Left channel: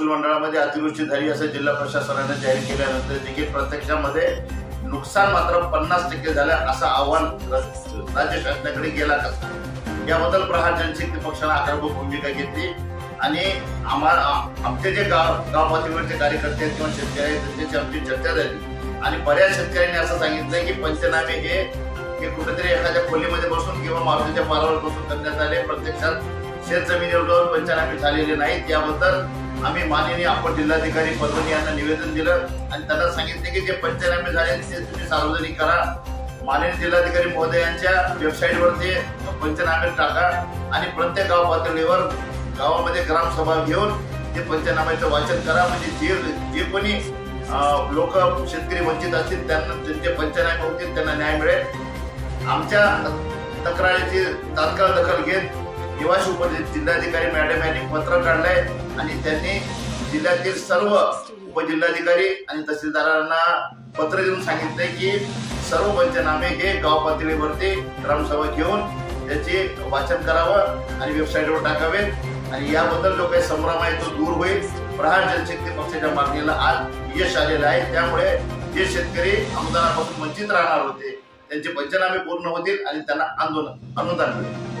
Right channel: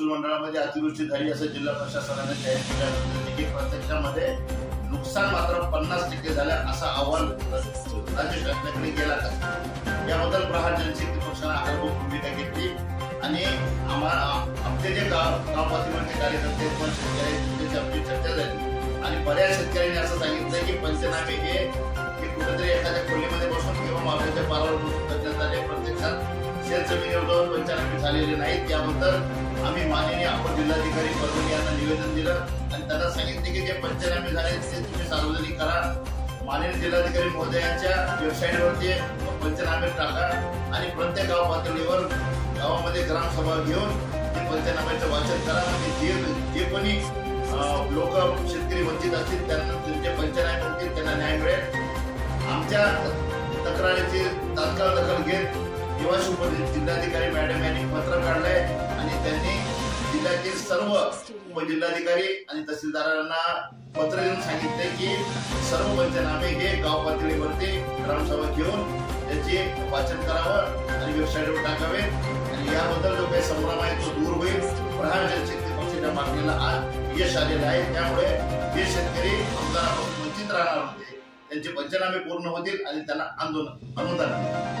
महसूल मंडळामध्ये अतिवृष्टी झाली असं जिल्हा प्रशासनाने जाहीर केल्यानंतर देखील प्रत्यक्षामध्ये नुकसान मात्र 50% झालं असं आव्हान राज्य शासनाकडे केला असता याबद्दल प्रहार जनशक्ती पक्षाने आग्रह भूमिका घेतली आणि आमचे जे गाव पातळीवरचे कार्यकर्ते किंवा शेतकरी आहेत त्यांच्याशी आमची चर्चा झाली आणि बऱ्याच शेतकऱ्यांनी असं सांगितलं की पंचनामे हे कुठेतरी एखाद्या खोलीमध्ये बसून किंवा मारुतीच्या पारावर बसून करण्यात आले, प्रत्यक्षात शेतजमिनीवर जाऊन पंचनामे झालेले नाहीत। याबद्दल आम्ही माननीय अपर जिल्हाधिकारी परभणी यांना निवेदन दिलं आणि त्यांना सांगितले की जे पंचनामे झाले ते तुम्ही सार्वजनिक करा, माननीय जिल्हाधिकारी महोदयांच्या वेबसाईटवरती पंचनामे टाका आणि प्रत्येक गाव पातळीवर गावामध्ये ग्रामसभा घेऊन ते पंचनाम्याचं वाचन करा, म्हणजे जे कोणी लोक शेतकरी वंचित असतील त्यांना जे पंचनामे होतील त्यांना न्याय मिळेल। आमच्या तक्रारीची तात्काळ दखल घेत निवासी उपजिल्हाधिकारी मॅडम यांनी पत्र काढलंय आणि त्यांनी जिल्ह्यातील सर्व उपजिल्हाधिकारी आणि तहसीलदारांना पत्र देऊन सांगितलंय की सर्व पंचनामे हे गाव पातळीवरती ग्रामसभा घेऊन त्याचे वाचन करावं आणि वेबसाईटवर टाकावेत आणि याबद्दल जो काही संभ्रम आहे तो दूर होईल। प्रहार जनशक्ती पक्षाच्या मागणीला आज यश आलेलं आहे, त्यामुळे जे शेतकरी अनुदानापासून वंचित राहणार होते त्यांचे पंचनामे पूर्ण होतील आणि त्यांना अनुदान मिळेल।